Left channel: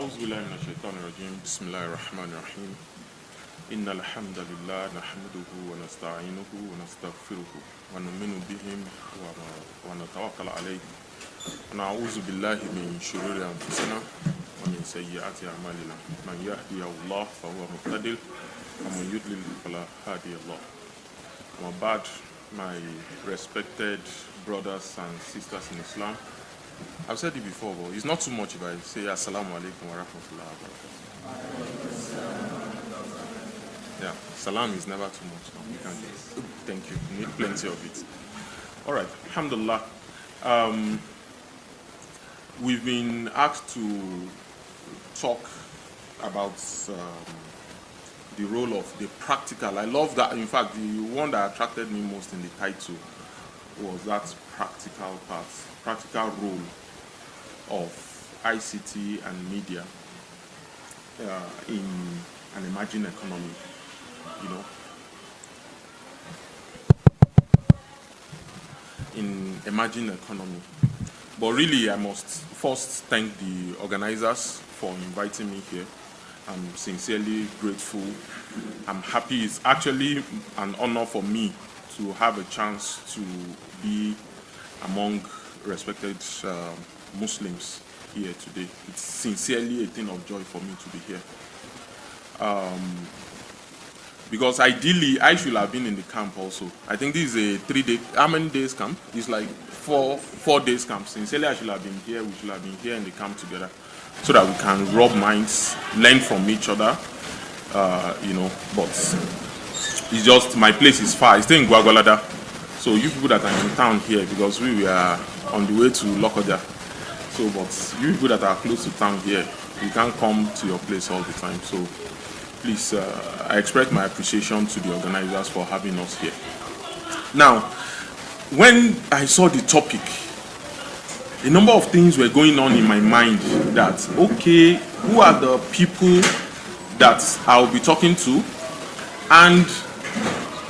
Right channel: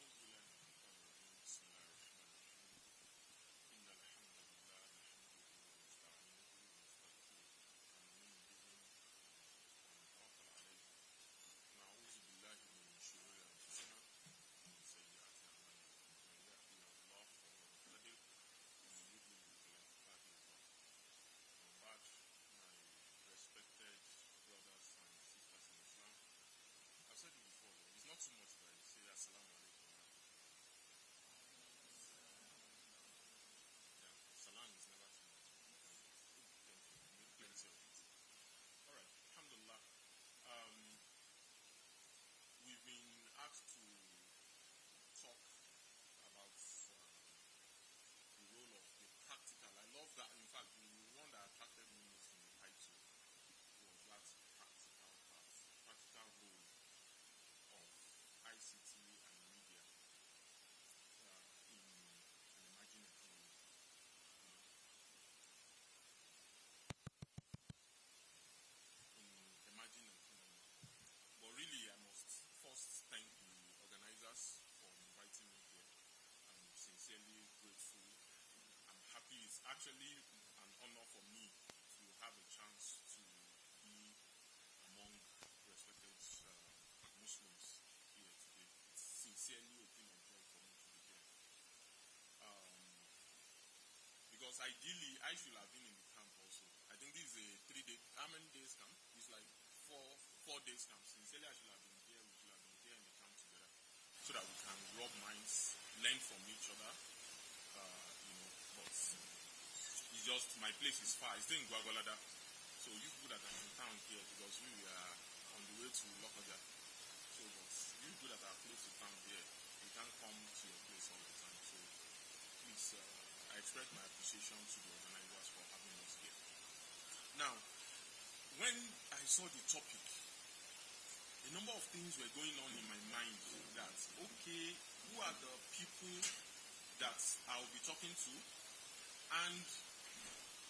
أعوذ بالله من الشيطان الرجيم بسم الله الرحمن الرحيم إن الحمد لله نحمده ونستعينه ونستغفره ونؤمن به ونتوكل عليه ونعوذ بالله من شرور أنفسنا ومن سيئات أعمالنا من يهدي الله فهو مهتدي ومن يضلل فلا هادي له. وما بعد, my respected brothers and sisters in Islam, I've said it before, but it's not too much if I say Assalamu alaikum wa rahmatullahi wa barakatuh. Yeah, salam is never too much. No, you can just, thank you. You need plenty of it. All right, alhamdulillah. We've been asked to talk about the role of the practical. I love that. In fact, the one that attracted me most in the title was that practical part, practical role of ICT and media in an emerging economy, in emerging economy. But really, I must first thank the organizers for inviting me here. I'm sincerely grateful. I'm happy. It's actually an honor for me to have a chance to be among respected Muslims here today. It's sincerely a thing of joy for me to be here. Because ideally, I should have been in the camp also. I think this is a 3-day, how many days camp? It's like four days camp. Sincerely, I should have been here. We should have been here in the camp together so that we can rub minds, learn from each other, but it's just, my place is far. I stay in Gwagwalada. So you people that are in town here, because we are on the way to Lokoja. So, but you people that are close to town here, you can't come to your place all the time. So please, I express my appreciation to the organizers for having us here. Now, when I saw the topic, a number of things were going on in my mind that, okay, who are the people that I'll be talking to? And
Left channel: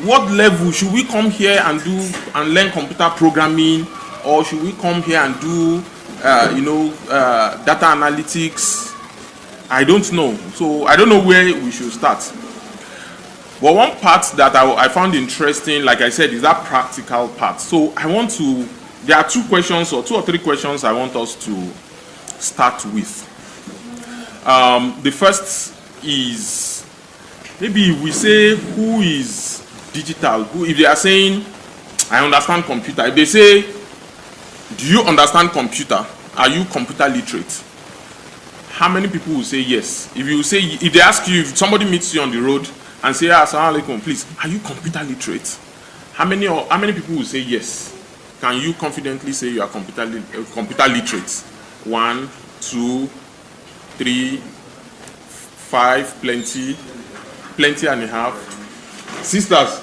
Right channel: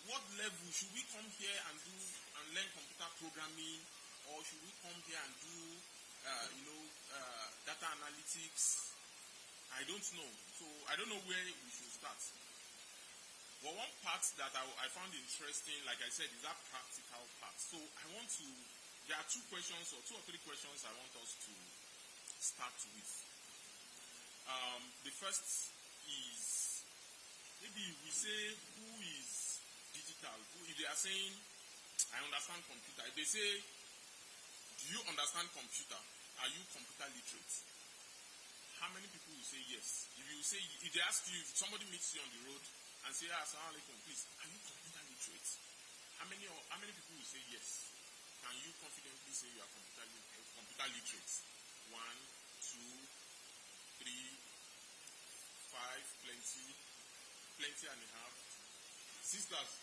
what level should we come here and do and learn computer programming, or should we come here and do, data analytics? I don't know. So I don't know where we should start. But one part that I found interesting, like I said, is that practical part. So there are two or three questions I want us to start with. The first is, maybe we say, who is digital? If they are saying, I understand computer. If they say, do you understand computer? Are you computer literate? How many people will say yes? If they ask you, if somebody meets you on the road and say, Assalamu alaikum, please, are you computer literate? How many people will say yes? Can you confidently say you are computer literate? 1, 2, 3, 5, plenty and a half. Sisters,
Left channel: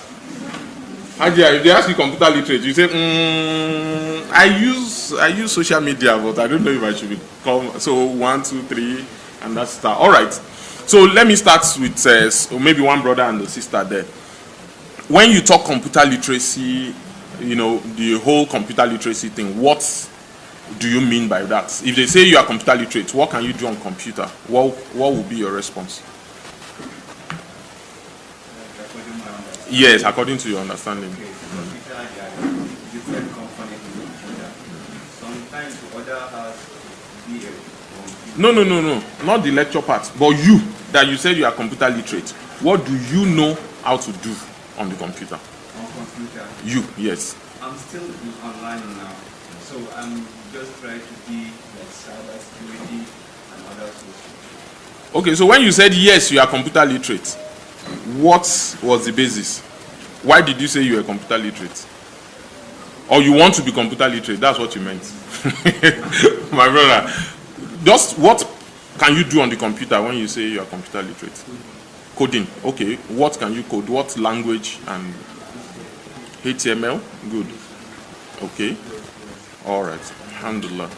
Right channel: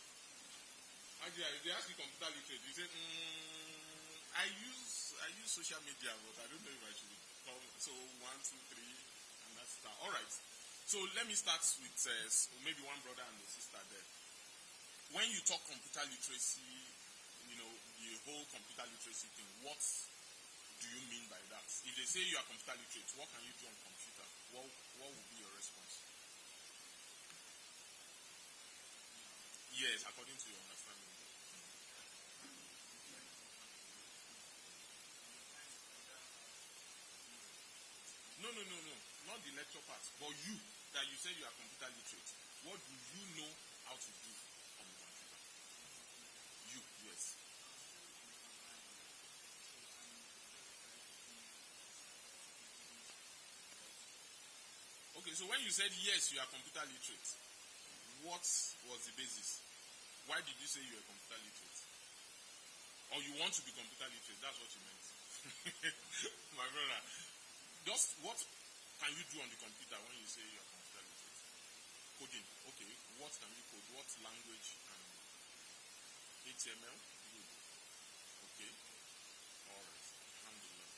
if they ask you computer literate, you say, I use social media, but I don't know if I should become. So 1, 2, 3, and that's start. All right. So let me start with maybe one brother and a sister there. When you talk computer literacy, the whole computer literacy thing, what do you mean by that? If they say you are computer literate, what can you do on computer? What will be your response? Yes, according to your understanding. Different components in computer. Sometimes other has No, not the lecture part, but you, that you said you are computer literate. What do you know how to do on the computer? On computer? You, yes. I'm still online now, so I'm just trying to be like cyber security and other sources. Okay, so when you said yes, you are computer literate, what was the basis? Why did you say you were computer literate? Or you want to be computer literate? That's what you meant. My brother, just what can you do on the computer when you say you are computer literate? Coding. Okay, what can you code? What language? And HTML? Good. Okay. All right. Alhamdulillah.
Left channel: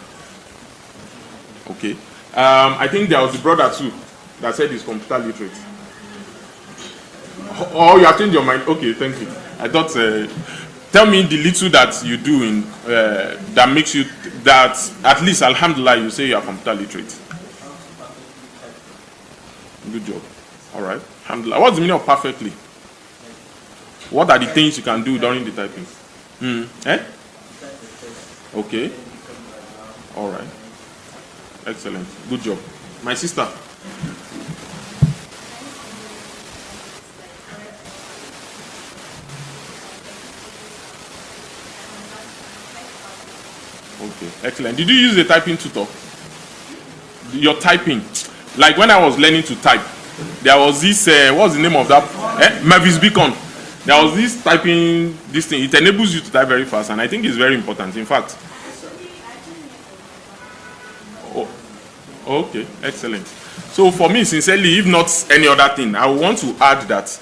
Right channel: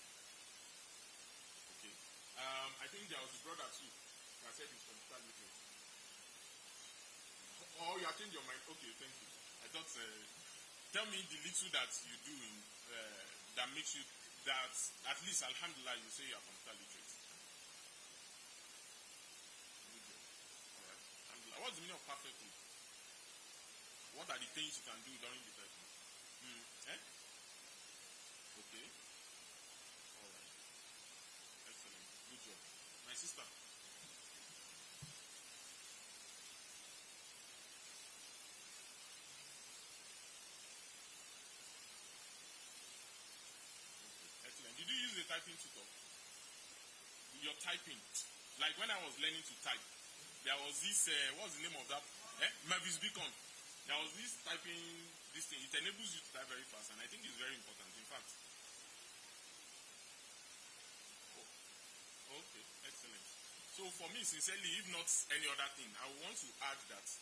Okay. I think there was a brother too that said he's computer literate. Oh, you have changed your mind. Okay, thank you. I thought, tell me the little that you do in that makes you, that at least, alhamdulillah, you say you are computer literate. Good job. All right. Alhamdulillah. What's the meaning of perfectly? What are the things you can do during the typing? Eh? Okay. All right. Excellent. Good job. My sister. Okay. Excellent. Did you use the typing tutor? Your typing. Like when I was learning to type, there was this, what's the name of that? Mavis Beacon. There was this typing, this thing. It enables you to type very fast, and I think it's very important. In fact. Oh, okay. Excellent. So for me, sincerely, if not any other thing, I want to add that,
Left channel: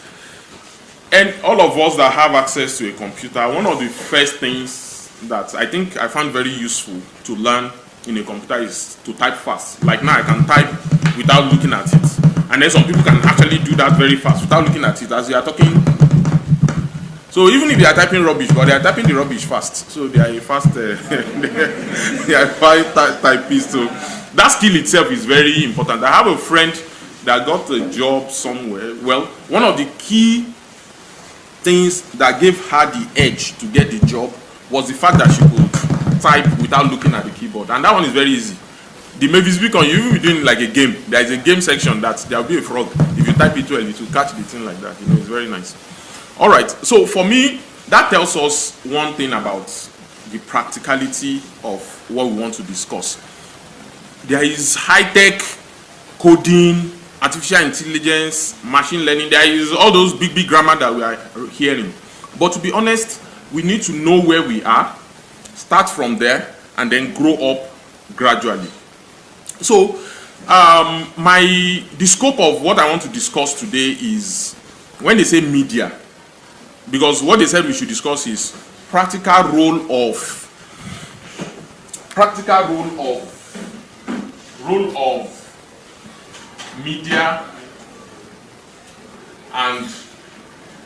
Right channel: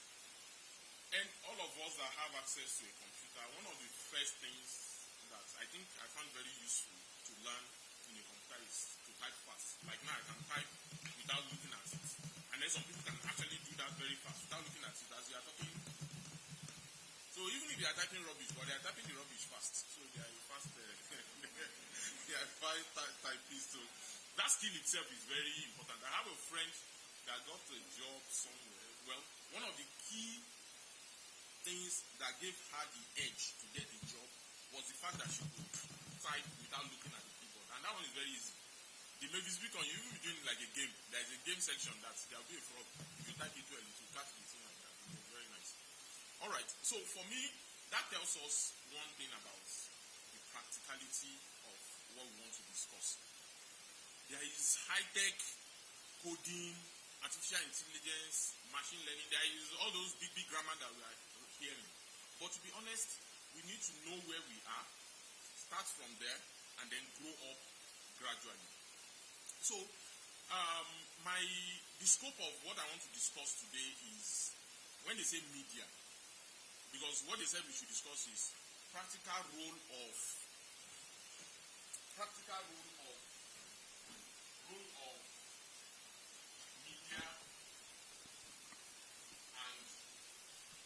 and all of us that have access to a computer, one of the first things that I think I found very useful to learn in a computer is to type fast. Like now I can type without looking at it. And then some people can actually do that very fast without looking at it as you are talking. So even if they are typing rubbish, but they are typing the rubbish fast. So they are a fast, they are fast typists. So that skill itself is very important. I have a friend that got a job somewhere. Well, one of the key things that gave her the edge to get the job was the fact that she could type without looking at the keyboard. And that one is very easy. The Mavis Beacon, you will be doing like a game. There is a game section that there will be a frog. If you type it well, it will catch the thing like that. You know, it's very nice. All right. So for me, that tells us one thing about the practicality of what we want to discuss. There is high-tech coding, artificial intelligence, machine learning. There is all those big grammar that we are hearing. But to be honest, we need to know where we are, start from there, and then grow up gradually. So the scope of what I want to discuss today is when they say media, because what they said we should discuss is practical role of media and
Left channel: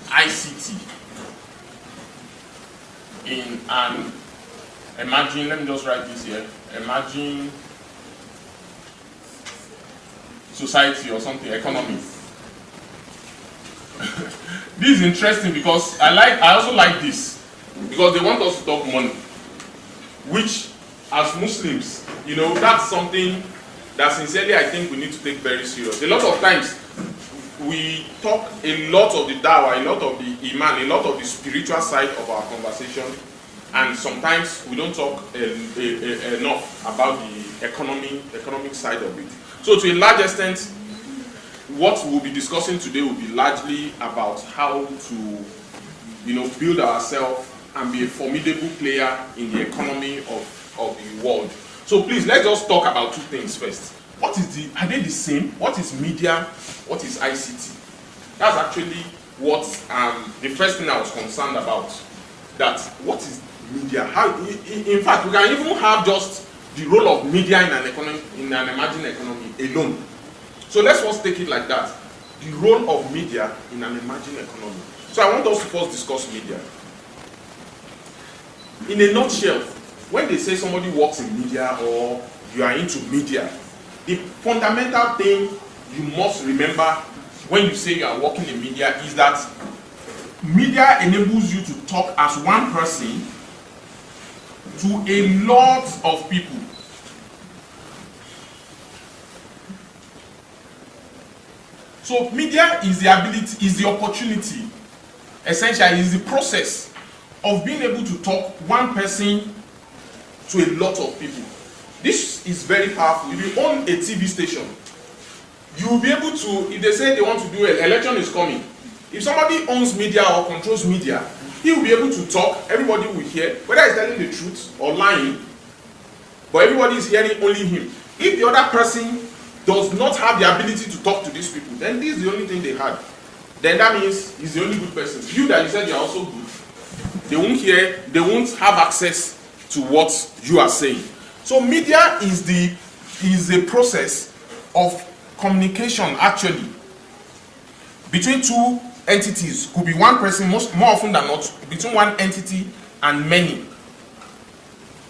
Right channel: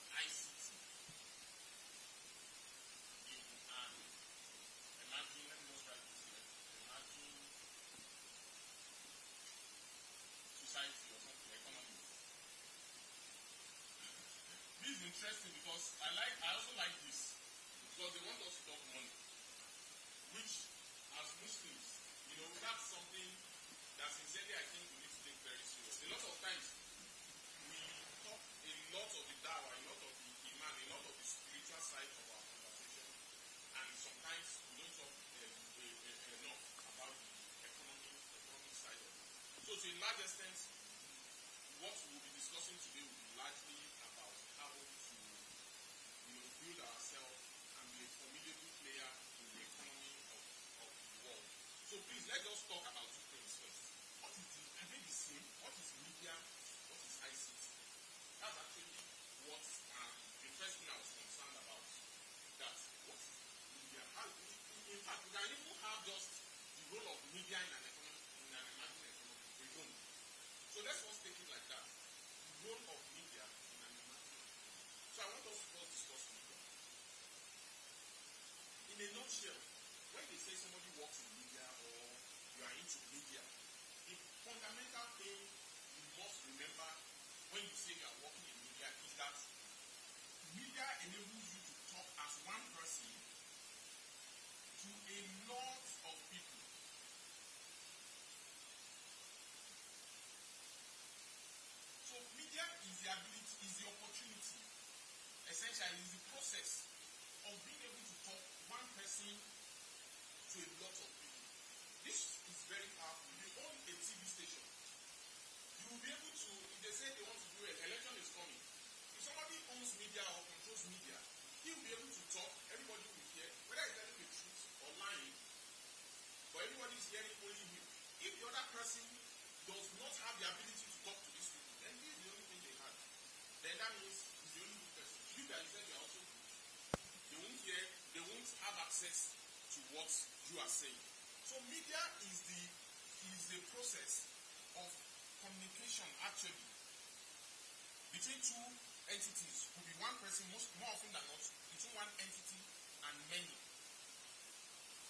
ICT in an, imagine, let me just write this here, imagine society or something, economy. This is interesting because I also like this because they want us to talk money, which as Muslims, you know, that's something that sincerely I think we need to take very serious. A lot of times we talk a lot of the dawah, a lot of the iman, a lot of the spiritual side of our conversation, and sometimes we don't talk enough about the economic side of it. So to a large extent, what we'll be discussing today will be largely about how to, you know, build ourselves and be a formidable player in the economy of the world. So please, let's just talk about two things first. Are they the same? What is media? What is ICT? That's actually what the first thing I was concerned about. That what is media? In fact, we can even have just the role of media in an emerging economy alone. So let's first take it like that. The role of media in an emerging economy. So I want us to first discuss media. In a nutshell, when they say somebody works in media or you are into media, the fundamental thing you must remember when you say you are working in media is that media enables you to talk as one person to a lot of people. So media is the ability, is the opportunity, essentially is the process of being able to talk one person to a lot of people. This is very powerful. If you own a TV station, you will be able to, if they say they want to do an election is coming, if somebody owns media or controls media, he will be able to talk, everybody will hear, whether he's telling the truth or lying, but everybody is hearing only him. If the other person does not have the ability to talk to these people, then this is the only thing they had. Then that means he's the only good person. You that you said you are also good, they won't hear, they won't have access to what you are saying. So media is the process of communication actually between two entities. Could be one person, more often than not, between one entity and many.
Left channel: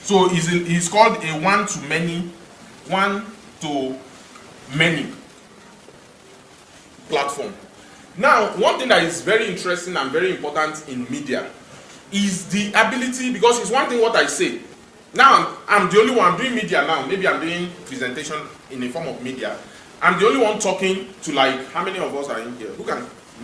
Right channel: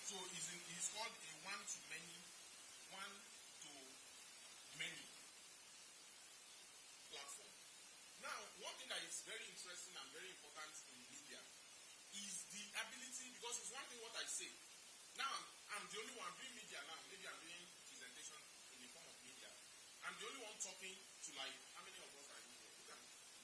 So it's called a one to many. platform. Now, one thing that is very interesting and very important in media is the ability, because it's one thing what I say. Now, I'm the only one doing media now. Maybe I'm doing presentation in a form of media. I'm the only one talking to, like, how many of us are in here? Who can